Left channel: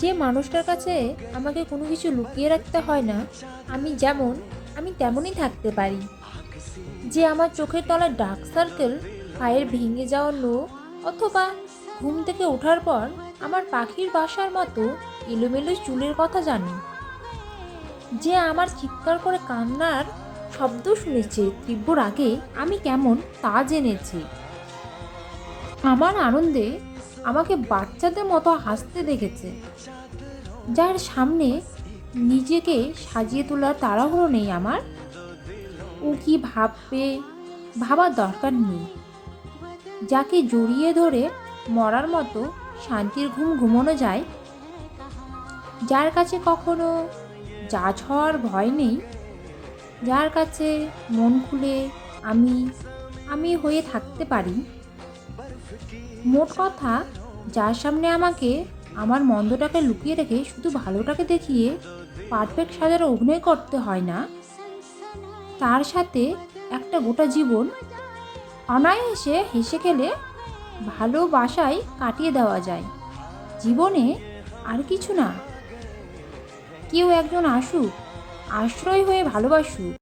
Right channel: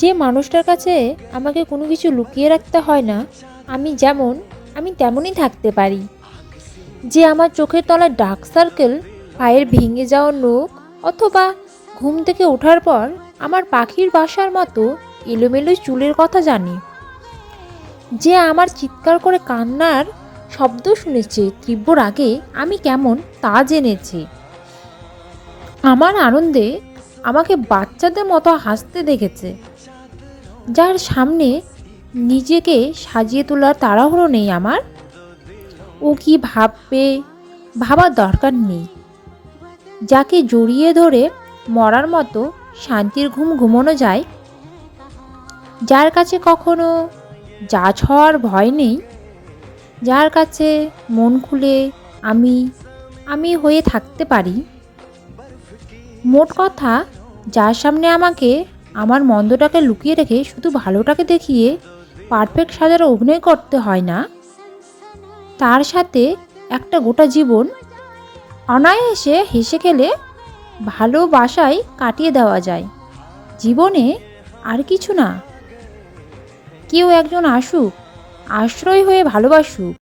যে মানুষটার কাছে আমাকে কোনো কিছু লুকিয়ে রাখতে হয় না, আমি যেমন আমি তেমনই থাকতে পারি। যে আমার চোখের তলায় ডার্ক সার্কেল, পায়ের ভেঙে যাওয়া নখ, অথবা ঘুম থেকে ওঠার পর আমার পাখির বাসার মতো এলোমেলো চুলের কথা জানে। যে আমার চিৎকার করে কান্নার শব্দ শুনেছে তীব্র রাগে আমি কেমন তা জেনেছে। আমার আনন্দে আমাকে বাচ্চাদের মতো হাসতে দেখেছে। যার সামনে নিজেকে সাজিয়ে তোলার তাড়াহুড়ো নেই আমার। ও কি ভাববে ভাবার দরকার নেই। যাকে জড়িয়ে ধরে মরার মতো শান্তির ঘুম ঘুমানো যায়, যার কাছে কখনো জাজ হওয়ার ভয় নেই, যার কাছে মন খুলে আমি আমি হয়ে থাকতে পারি। মোট কথা, যার সামনে আমাকে আমার মন্দটাকে লুকিয়ে রেখে শুধু ভালোটাকে দেখিয়ে পারফেক্ট সাজার অভিনয় করতে হয় না, তার সাথে একটা গোটা জীবন অনায়াসে হেসে খেলে ভালোবাসায় কাটিয়ে দেওয়া যায়। জীবনে আর কিছু না, কেউ একজন আসুক, আশ্রয় হয়ে ভালোবাসুক।